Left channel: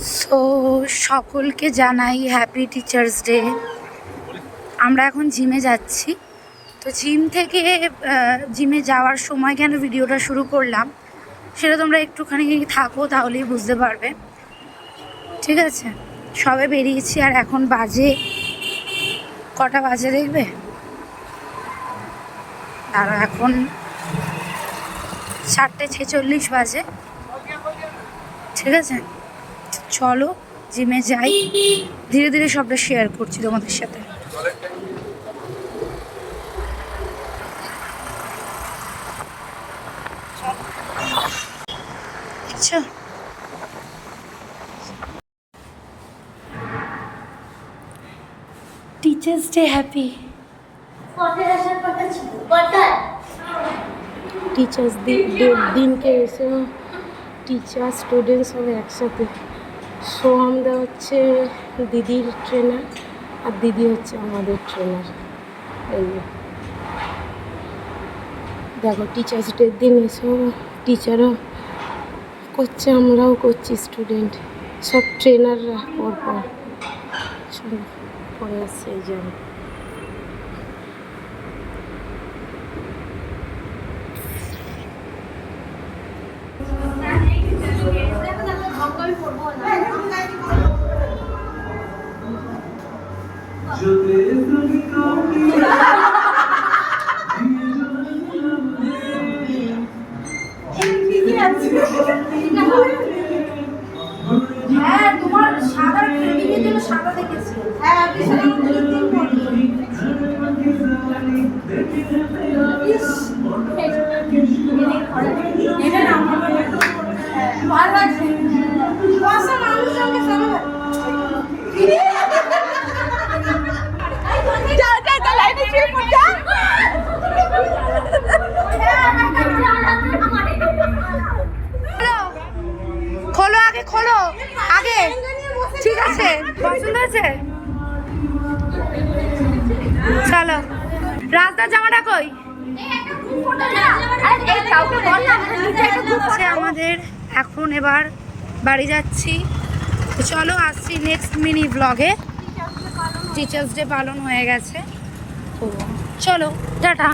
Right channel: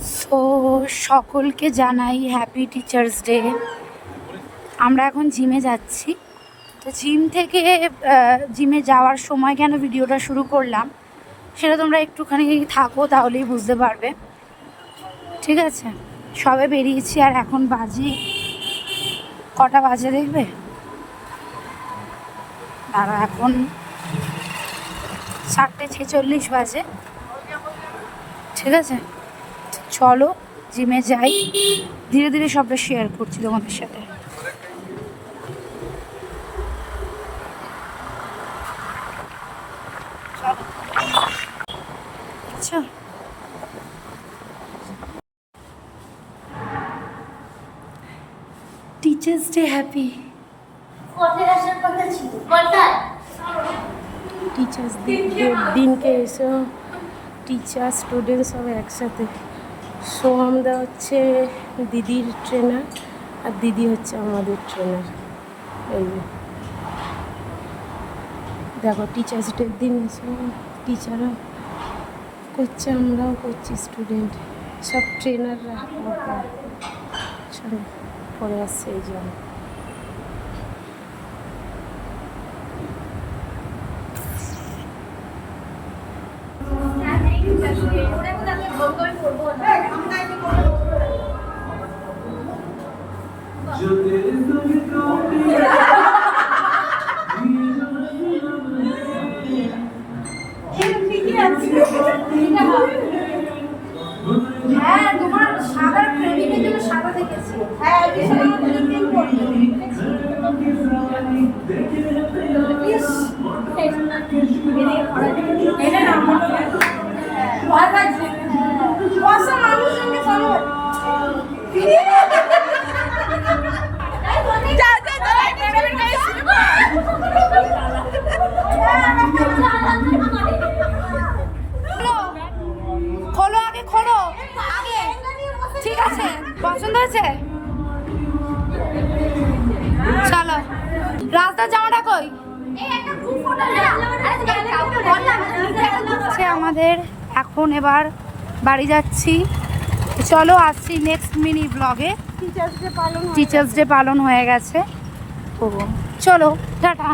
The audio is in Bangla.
সো সকলকে জানাই হ্যাপি টিচার্স ডে। আমরা এখন জিমে যাচ্ছি। তো জিম থেকে জিমে যাওয়ার সময় কেন ভিডিওটা শুরু করলাম সেটা তোমরা একটুখানি থাকো, তাহলেই বুঝতে পারবে। ঠিক আছে, সবে বেরিয়েছি আর এখন বাজে কটা বাজে দেখবে, দাঁড়া, এখন 4:46 বাজে। ঠিক আছে, চলো জিমে যাই, ধীরে ধীরে সবটা শেয়ার করছি তোমাদের সাথে। আচ্ছা, টিচার্স ডে হ্যাপি। টিচার্স ডের দিনকে এসে টিচার স্টুডেন্ট সব একসাথে। সোহামদা হচ্ছে দিদির ট্রেনার আর দিদি হচ্ছে আমাদের ট্রেনার। এই দেখো, টিচার্স ডের দিন এসে টিচারও করছে, আমরাও করছি, স্টুডেন্ট সব ট্রেনাররা পরপর পরে আসছে। এই যে হ্যাঁ, তোমার সাদা ট্রেনিংয়ের জন্য সাদা দেখেছি। হ্যাঁ, আমি সাদা ট্রেনিং করব। এটা না ভালো লাগছে। বসা মানুষকে সামনে যা যা যা লাইট যা। খোলো আগে, খোলো আগে। ঠিক আছে, পছন্দ হয়েছে? চলো। রাজদার জামাটা কই? আমাদের এখন এবার বাড়ি যাচ্ছি। চলো, আসছি নেক্সট মিনি ব্লগে। টিচার্স ডে পালন হয়ে গেছে। চলো, টাটা।